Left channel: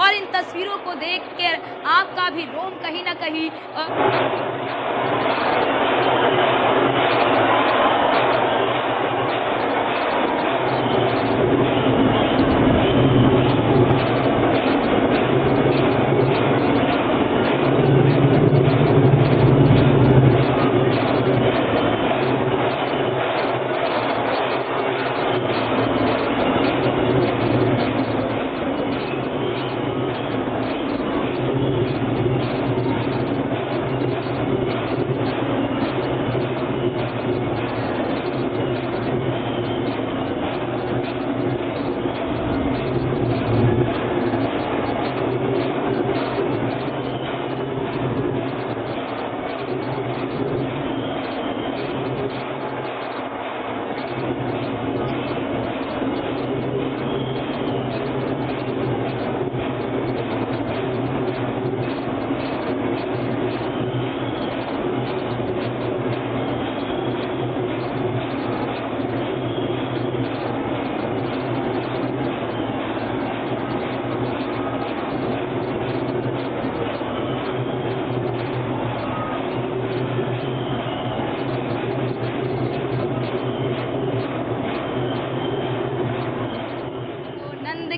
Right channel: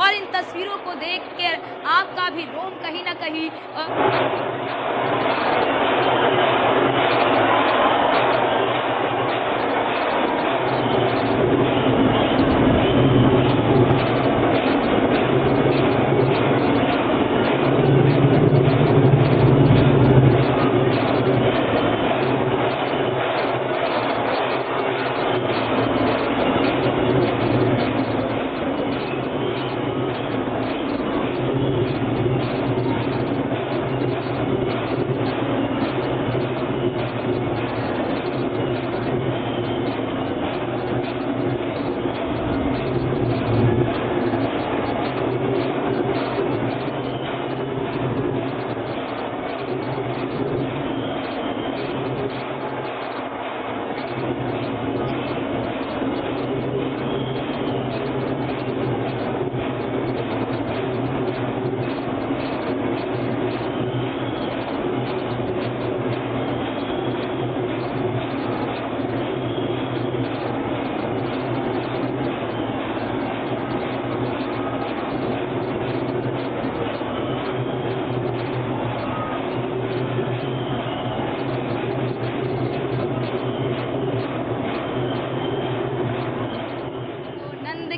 और इन तस्वीरों को देख कर आपका भी रोम कहीं ना कहीं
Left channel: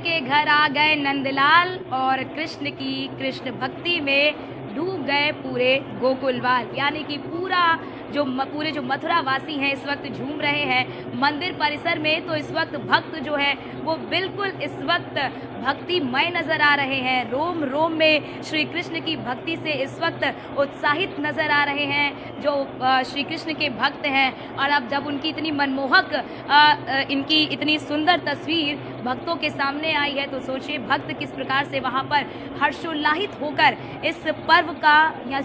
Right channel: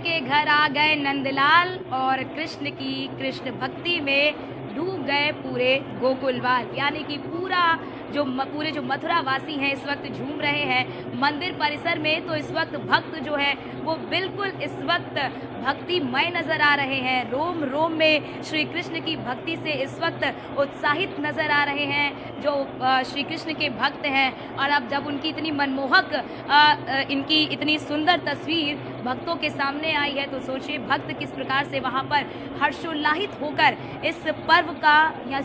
के घर आ गए नंदलाल और कृष्ण की कृष्ण भक्ति में डूब गए पूरे गोकुलवाल। यानी कि पूरे जो मथुरा वासी हैं इस वक्त झूम रहे हैं मंदिर परिसर में। तो इस वक्त भक्त जो है वो बिल्कुल इस वक्त भक्तिमय नजर आ रहे हैं। रोम रोम में श्री कृष्ण की भक्ति से इस वक्त उत्साहित नजर आ रहे हैं जो श्री कृष्ण के भक्त हैं। और अब जब उनकी इतनी मनमोहक इनकी इतनी सुंदर तस्वीर भक्तों के सामने आई है तो सोचिए भक्त किस प्रकार से वहां पर हर्षोल्लाहित होकर इस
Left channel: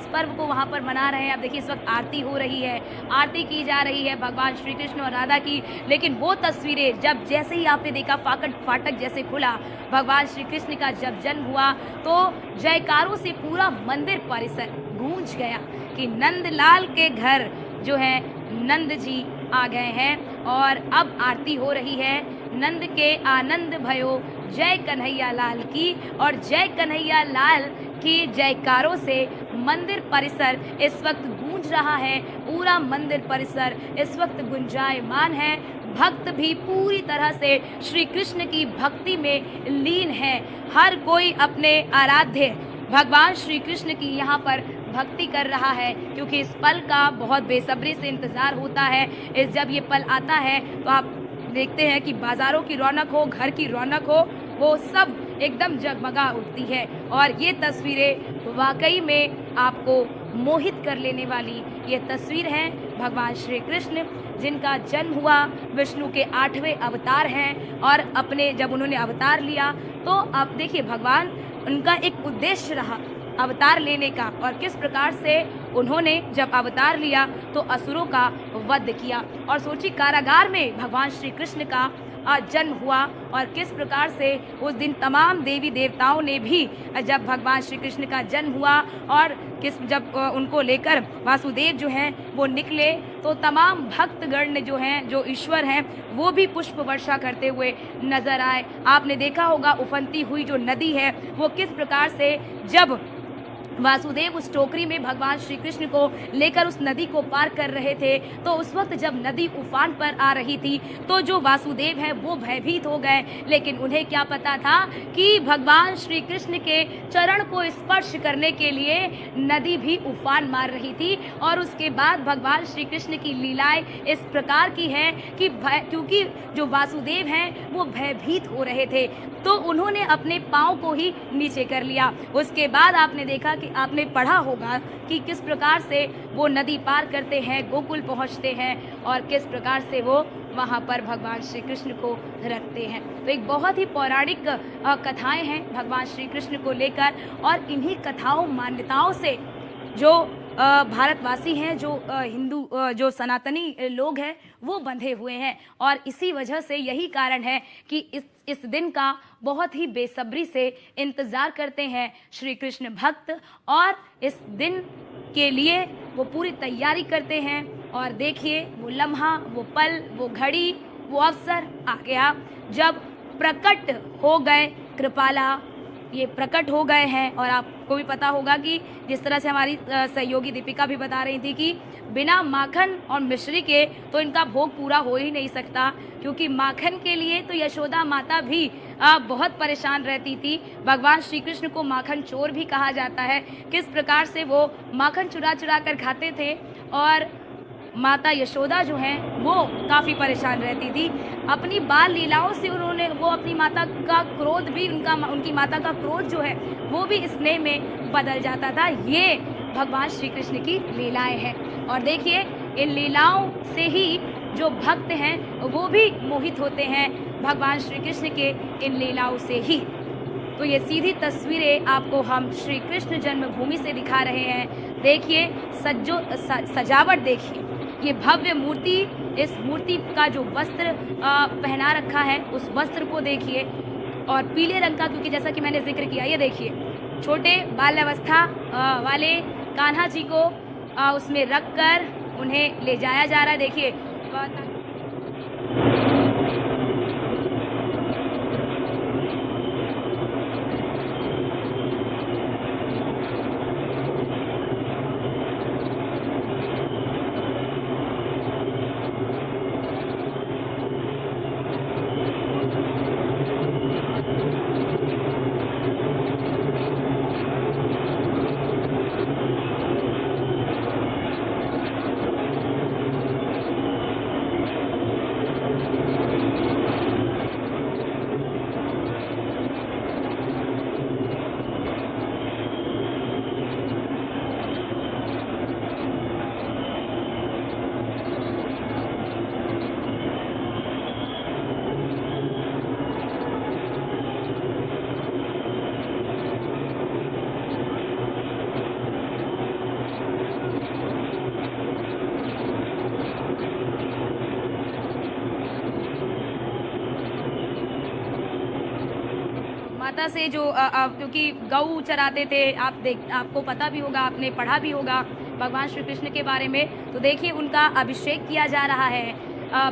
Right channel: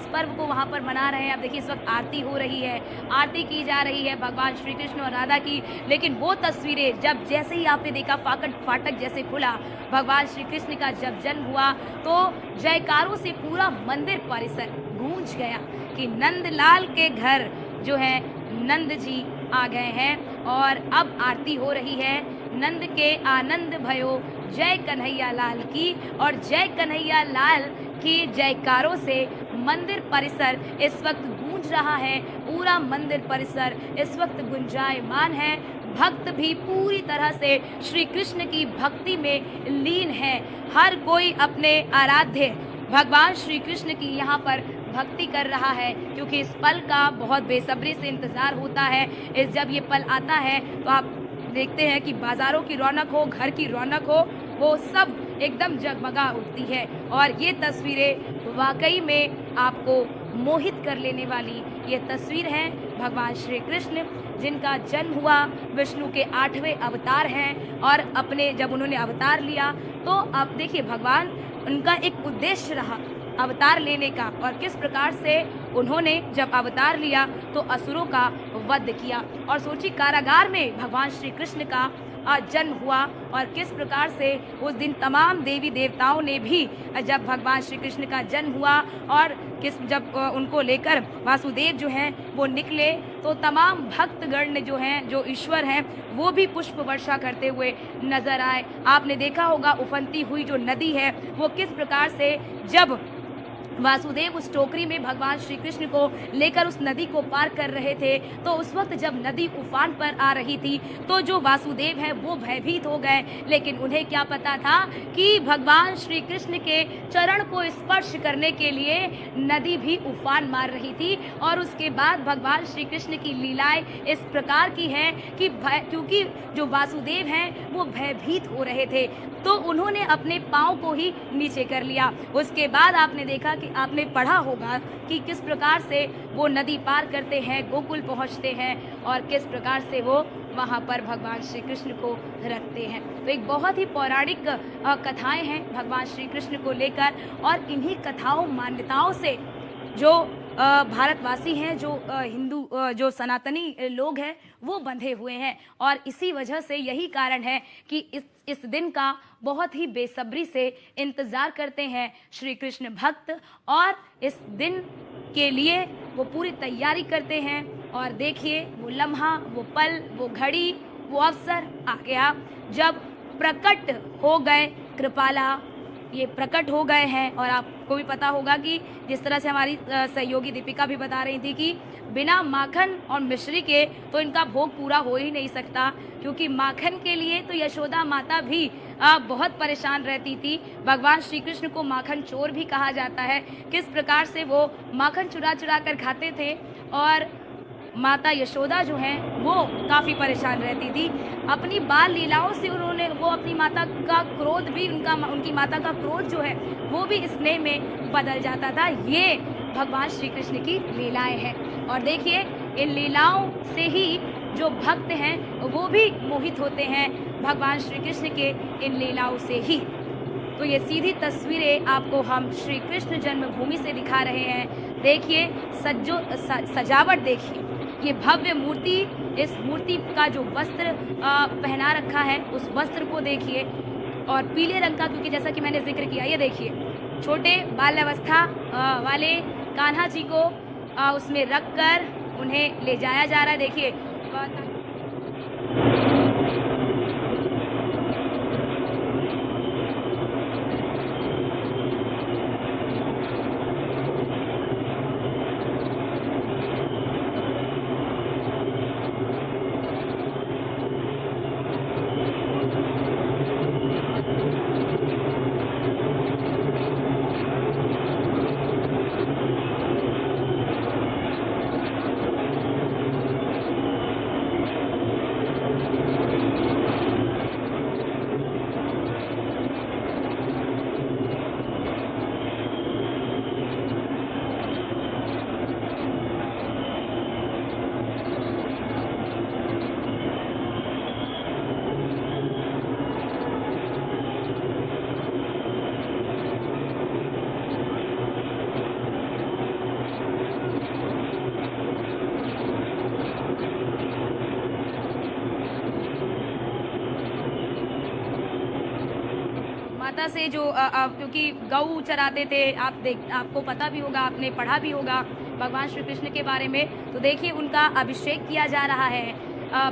पर्व को वहां पर मना रहे हैं। अब देखिए इस वक्त आरती हो रही है, आरती की जा रही है भगवान श्री कृष्ण और राधा की। लेकिन वो तस्वीरें जब जैसे ही आपने देखा फाटक जैसे खुला, भगवान श्री कृष्ण का जब जन्म हुआ तो जयकारों से पूरा मंदिर परिसर गूंज गया कि नंदलाल के घर जो है नंद जी आ गए हैं और अब आरती हो रही है। नंद के आनंद भयो जय कन्हैया लाल की, और जय कन्हैया लाल की जयकारों से मंदिर परिसर इस वक्त गूंज रहा है। पूरा मंदिर परिसर इस वक्त गुंजायमान है। भक्त भी पूरी तरह से श्री कृष्ण की भक्ति में लीन है। हर कोई अपने आराध्य भगवान श्री कृष्ण की यहाँ पर भक्ति कर रहा है क्योंकि इस पल का बहुत बेसब्री से इंतजार होता है। जब ये पल आता है तो आप देखते हैं कि बाजारों की रौनक हो, घर की रौनक हो, वो सब एकदम जगमगा उठती है। और ये तस्वीरें वाकई में आपको मोहित कर लेने वाली ये तस्वीर है भगवान श्री कृष्ण जिनका जन्म हुआ, विष्णु के 8वें अवतार हैं। और अपने जब उन्होंने अवतार लिया तो आप देखिए भगवान उनका एक उद्देश्य रहा अवतार लेने का, और किस प्रकार से उन्होंने जब अवतार लिया तो असुरों का वध किया। और सोची कारागार में भगवान श्री कृष्ण का जन्म हुआ और किस प्रकार से उस दिन तमाम देवी देवताओं ने भी जब भगवान श्री कृष्ण का जन्म हुआ और जब उनको लेकर वासुदेव जो हैं वो निकले तो तमाम भक्तगण जो हैं जो ईश्वर हैं वो भी पुष्प वर्षा करते हुए नजर आए। आपने देखा होगा उफनती हुई जो नदी है वो किस प्रकार से जब वासुदेव उस टोकरी में भगवान श्री कृष्ण को लेकर उस नदी को पार कर रहे थे तो उस वक्त जब नदी उफान पर आ रही थी तो जो वासुदेव है वो भयभीत हो गए। लेकिन उन्हें क्या पता था कि भगवान श्री कृष्ण के चरण को स्पर्श करने के लिए नदी भी उफान मार रही थी। और उसके बाद भगवान श्री कृष्ण की लीलाएं इस प्रकार की हैं कि क्योंकि जो वासुदेव हैं वो भयभीत हो रहे थे तो उन्होंने अपने पाँव को ही नीचे कर लिया। उसके बाद आपने देखा कि आपने पढ़ा होगा कि किस प्रकार से वो नदी पार करते हैं, गोकुल पहुंचते हैं और किस प्रकार से वो वहां पर भगवान श्री कृष्ण को रखते हैं। तो एक बहुत ही पौराणिक कथाएं हैं भगवान श्री कृष्ण को लेकर, और इन्हीं कथाओं मान्यताओं से जो भारतवासी हैं, जो हिंदू जो सनातनी लोग हैं वो बंधे हुए हैं। और इसी वजह से यही कारण है कि इस दिन का बहुत ही बेसब्री से इंतजार करते हैं श्री कृष्ण भक्त, और इस दिन के लिए वो पूरी तैयारी करते हैं। और देखिए वो लम्हा, वो पल, वो घड़ी, वो अवसर आ गया जब प्रकट हो गए कृपाला ये प्रकट हो गए हैं। और आपको भी पता होगा कि जिस तरह से हमारी सहयोगी दीपिका भी बता रही थी कि बिना माखन और मिश्री के तो इनका भोग पूरा हो ही नहीं सकता, क्योंकि माखन के लिए तो यशोदा माता भी बहुत परेशान रहती थी। भगवान श्री कृष्ण को माखन चोर भी कहा जाता है। किस प्रकार से वो माखन चुरा चुरा कर खाते थे और माता यशोदा जो है वो काफ़ी परेशान रहती थी। अपनी बाल लीलाओं से वो अपनी माता का क्रोध भी उनकी माता का क्रोध जो है वो भी स्नेह में बदल जाता था। ये भगवान श्री कृष्ण की लीलाएं हैं। और देखिए इन लीलाओं से ही जो भक्त हैं वो भी मोहित होते हैं भगवान श्री कृष्ण के इन लीलाओं से ही। तो ये सीधी तस्वीरें आपको हम श्री कृष्ण जन्मभूमि से दिखा रहे हैं। देखिए सजावट देखिए, ये भव्य मूर्ति, इस मूर्ति का जो वस्त्र पहना रखा है उस वस्त्र को देखिए, और पीले रंग का, क्योंकि जैसा कि मैंने जिक्र किया, ये देखिए छोटे बाल्यावस्था वाले कान्हा जी को उसमें रखकर उन्हें ले जाया जा रहा है। देखिए माता से जो क्योंकि गऊ चराते थे, आपको पता भी होगा, आपने पढ़ा भी होगा भगवान श्री कृष्ण के बारे में। तो देखिए उनका अभिषेक किया जा रहा है,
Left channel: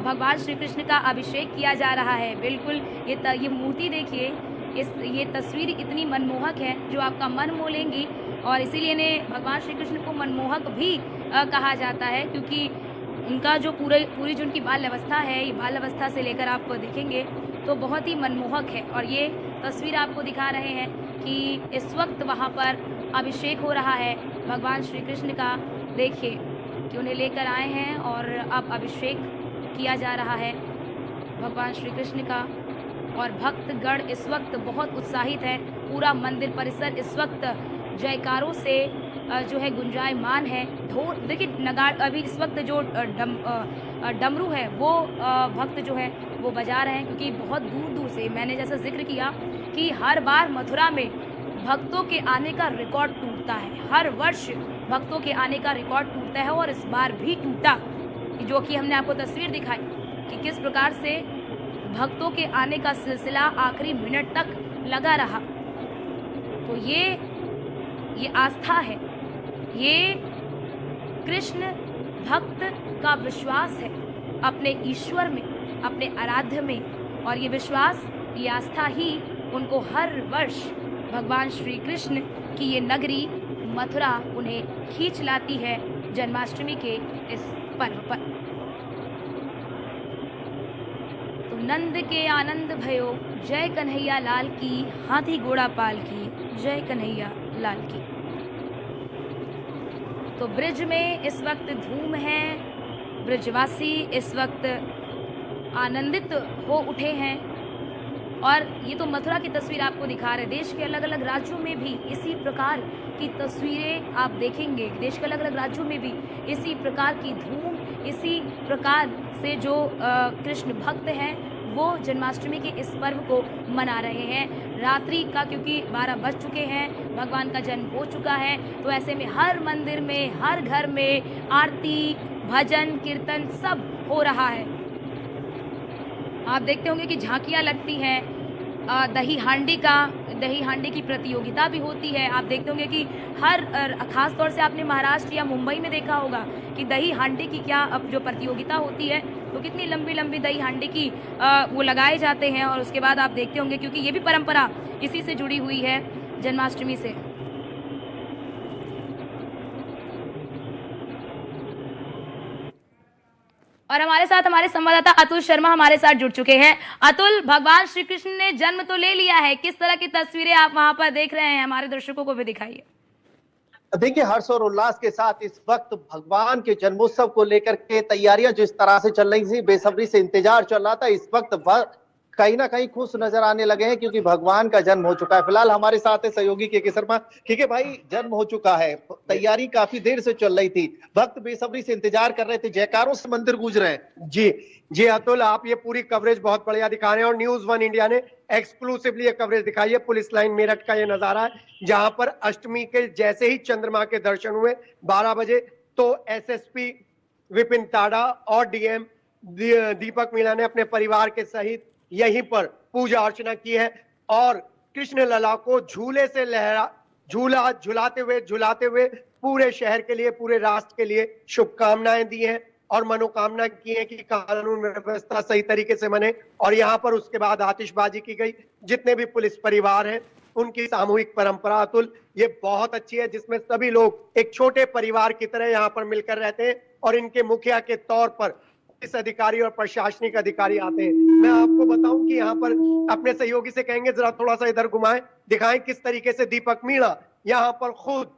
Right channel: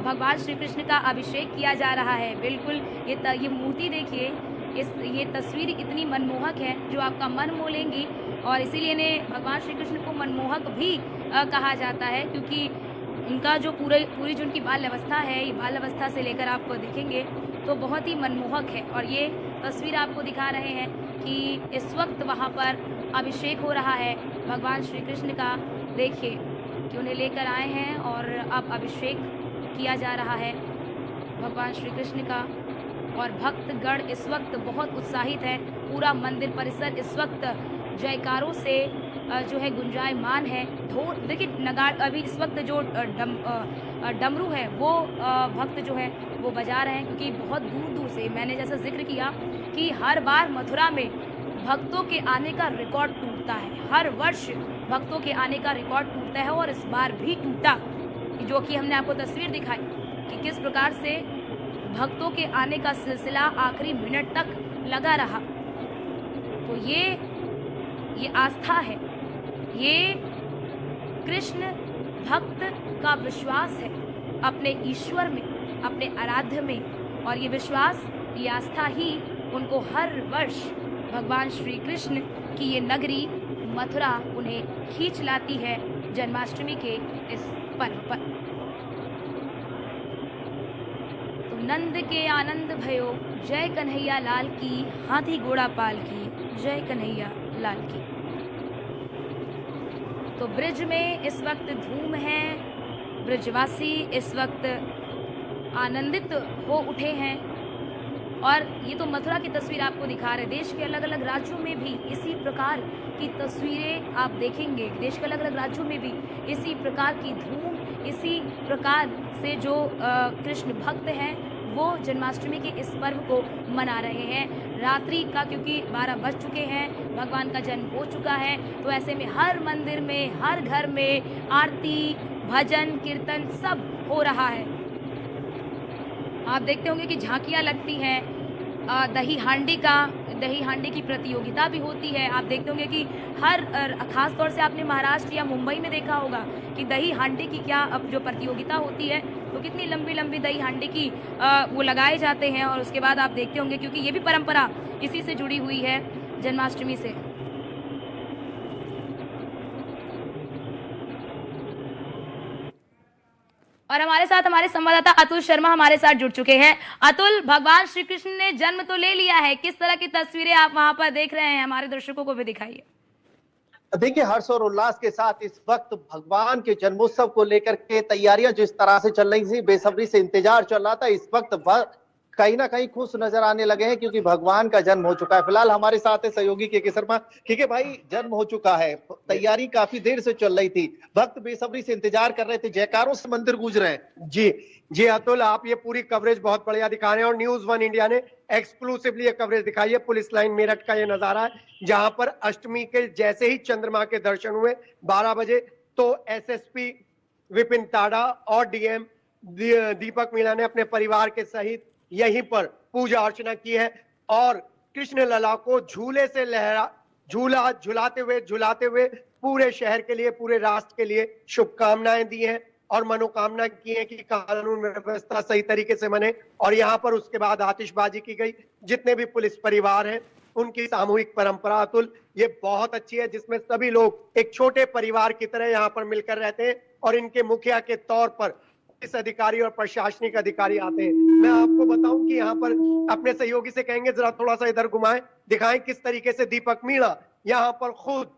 भगवान श्री कृष्ण का अभिषेक किया जा रहा है। बिल्कुल ये मूर्ति देखिए, ये तस्वीर इतनी मनमोहक है जो आपका मन मोह लेंगी, और इसीलिए इन्हें भगवान श्री कृष्ण को मनमोहक भी कहा जाता है, क्योंकि उनका जो पूरी जो उनकी बाल अवस्था है, ये बाल अवस्था से लेकर आप देखेंगे तो बहुत ही मनमोहक है। और ये तस्वीर आपको दिखा रहे हैं कि इस वक्त वहाँ पर अभिषेक हो रहा है भगवान श्री कृष्ण का। देखिए कि उन्हें लेकर आए हैं और अब अभिषेक किया जा रहा है भगवान श्री कृष्ण का। और भक्तगण इस वक्त बहुत उत्साहित है, पूरा मंदिर परिसर इस वक्त जयकारों से जो है गुंजायमान है। ढोल देखिए, नगाड़, अभी इस वक्त जो डमरू है वो भक्त जो है वो बजा रहे हैं, क्योंकि बहुत दूर दूर से, मैंने जैसा जिक्र किया कि हर बार मथुरा में भक्तों के आने का रिकॉर्ड टूटता है, हर वर्ष भक्तों के आने का रिकॉर्ड टूटता है, और इस बार भी टूटा, जो कि हमने आपको तस्वीर दिखाई कि किस प्रकार से भक्तों के आने का सिलसिला आखिरी मिनट तक लगा रहा। तो ये आस्था है, ये कृष्ण भक्त का विश्वास है अपने ईश्वर में, अपने आराध्य में। और ये विश्वास, ये आस्था ही उनको हर वर्ष भगवान श्री कृष्ण की ये नगरी मथुरा उन्हें खींच लाती है जन्माष्टमी के इस पर्व पर। तो नंद के आनंद भयो, जय कन्हैया लाल की, हाथी घोड़ा पाल की, जय कन्हैया लाल की। तो ब्रिज में इस वक्त धूम है, ब्रिजवासी इस वक्त आनंदित हो उठे हैं। और ये तो मथुरा की तस्वीर आपको दिखा रहे, देश के अलग अलग राज्यों में भी इसी प्रकार की तस्वीरें आप देखेंगे। देश के अलग अलग राज्यों में भी इसी प्रकार की धूम, इसी प्रकार से जो कृष्ण भक्त हैं वो जन्माष्टमी के इस पर्व को मना रहे हैं। रात्रि का, क्योंकि 12 बज चुके हैं, भगवान का जन्म हो चुका है, तो ऐसे में हर मंदिर में, हर घर में आरती, भजन, कीर्तन सब हो रहा है। आप देखते होंगे कि झांकियाँ लगती हैं, दही हांडी की प्रतियोगिता भी होती है। आप देखते होंगे कि हर खास तौर से आपने महाराष्ट्र या मुंबई में देखा होगा कि दही हांडी की क्या अब जो प्रतियोगिता होती है वो कितनी लंबी लंबी दही हांडी की वो लगाए जाते हैं, और उसके बाद आप देखते होंगे, क्योंकि ये भी परंपरा इसी से जुड़ी हुई है, जन्माष्टमी से। और हमारे साथ हमारे संवाददाता अतुल शर्मा हमारे साथ जुड़ चुके हैं। अतुल, भगवान श्री कृष्ण ने जन्म तो ले लिया है, किस तरह की तस्वीरें आप वहां पर देख रहे हैं, हमारे दर्शकों को भी दिखाइए। देखिए, हर्ष और उल्लास के साथ इस वक्त भगवान के जन्मोत्सव को लेकर के तैयारियां जिस तरह से चल रही थी, बेसब्री से इंतजार चल रहा था, इस वक्त कहीं ना कहीं खुश नजर आने लगे हैं, क्योंकि भगवान का जन्म हो चुका है। फिलहाल हमारे साथ है सहयोगी के शर्मा। के भाई, जन्म हो चुका है, तैयारी काफी देर से चल रही थी, भक्त बेसब्री से इंतजार कर रहे थे, जयकारों से मंदिर गूंज रहे हैं। जी जी अतुल, आप ये पूरी कवरेज बहुत बढ़िया दिखा रहे हैं और न्यूज वन इंडिया ने एक्सक्लूसिवली ये कवरेज दिखाई है। पुलिस लाइन मेरठ का ये नजारा है, जहां पर अष्टमी के जैसे ही चंद्रमा के दर्शन हुए 12 बजे, तो एसएसपी विपिन ताड़ा और डीएम दीपक मीणा ने अपने परिवार के सहित यहीं पर पूजा अर्चना की है और कृष्ण लला को झूले से झुलाते हुए पूरे शहर के लिए, पूरे राष्ट्र के लिए शुभकामनाएं दी हैं और मनोकामना की है कि कानून व्यवस्था सही तरीके से बने। और यहाँ पर उसके बाद आतिशबाजी की गई। जितने भी पुलिस परिवार हैं उनकी सामूहिक परंपरा अतुल ये बहुत अच्छी है, जिसमें सभी लोग एक छोटे परिवार की तरह यहाँ पर मिलकर रहते हैं और इनके मुखिया के तौर पर पुलिस अधिकारी और प्रशासनिक अधिकारी आते हैं। मैं आपको बताऊं कि यहाँ पर अपने सहयोगी से कहेंगे जरा थोड़ा सा इधर घुमाएं, दिखाएं किस तरीके से दीपक मीणा यहाँ पर खुद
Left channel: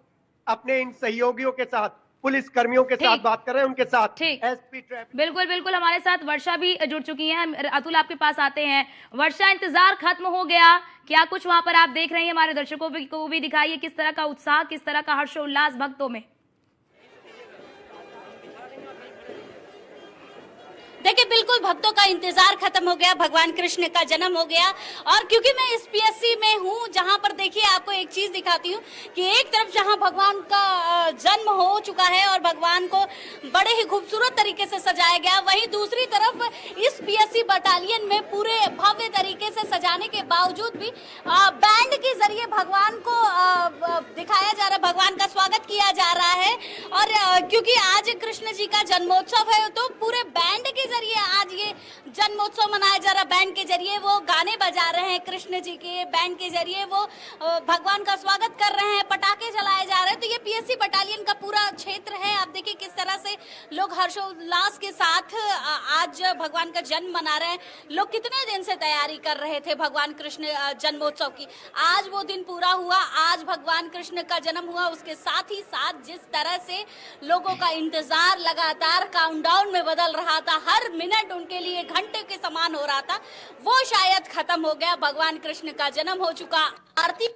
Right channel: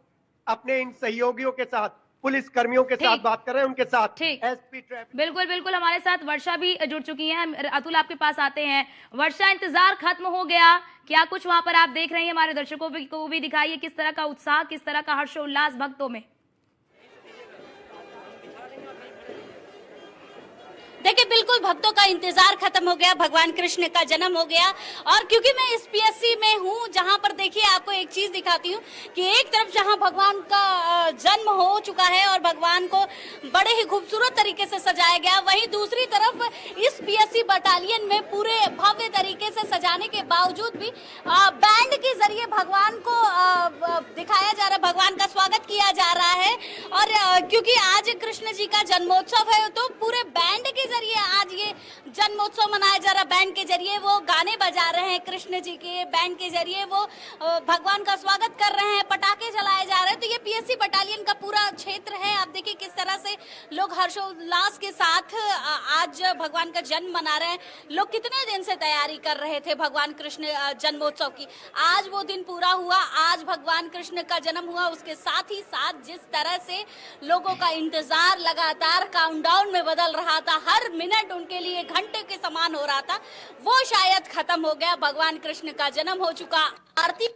अपने इन सहयोगियों के साथ, पुलिस कर्मियों के साथ बात कर रहे हैं, उनके साथ एसपी ट्रैफिक। बिल्कुल बिल्कुल, हमारे साथ वर्षा भी जुड़ चुकी है। अतुल, आपके पास आते हैं। वर्षा, इंतजार खत्म हो गया, क्या कुछ वहां पर आप देख रहे हैं? हमारे दर्शकों को भी दिखाइए किस तरह का उत्साह, किस तरह का हर्षोल्लास भक्तों में। देखिए, बिल्कुल भक्तों का इंतजार खत्म हो गया, भगवान कृष्ण का जन्म हो गया। और क्योंकि मैं इस पीएससी में हूँ, जहाँ पर देखिए आपको एक चीज दिखाती हूँ कि एक तरफ जहाँ भगवान का जन्म हो चुका है और भगवान को बड़े ही खूबसूरत तरीके से सजाया गया, वहीं दूसरी तरफ इस पीएससी बटालियन में पूरे भव्य तरीके से सजाने के बावजूद भी बैंड के जरिए भगवान को दिखाया जा रहा है, भगवान का स्वागत किया जा रहा है। और क्योंकि आज कृष्ण जी का जन्मोत्सव है, तो पूरे बैंड के जरिए आज ये जन्मोत्सव मनाया जा रहा है। बैंड के जरिए वो गाने बजा रहे हैं, कृष्ण जी के बैंड के जरिए वो भगवान का स्वागत कर रहे हैं, पटाखे जलाए जा रहे हैं। तो ये पीएससी बटालियन का पूरा क्षेत्र है। आप देखिए किस तरह से लोग हर्षोल्लास के साथ आज भगवान का जन्म मना रहे हैं। लोग कितने दिन से तैयारी कर रहे थे भगवान कृष्ण जन्मोत्सव की, आज वो दिन पूरा हुआ, आज भगवान कृष्ण का जन्म हुआ। उसके साथ ही साथ जिस तरह से लोगों का इंतजार लगातार काउंटडाउन में बदल रहा था, हर मिनट उनके लिए घंटे के समान हो रहा था, वो शायद खत्म हो गया। भगवान कृष्ण का जन्म हो चुका। आरती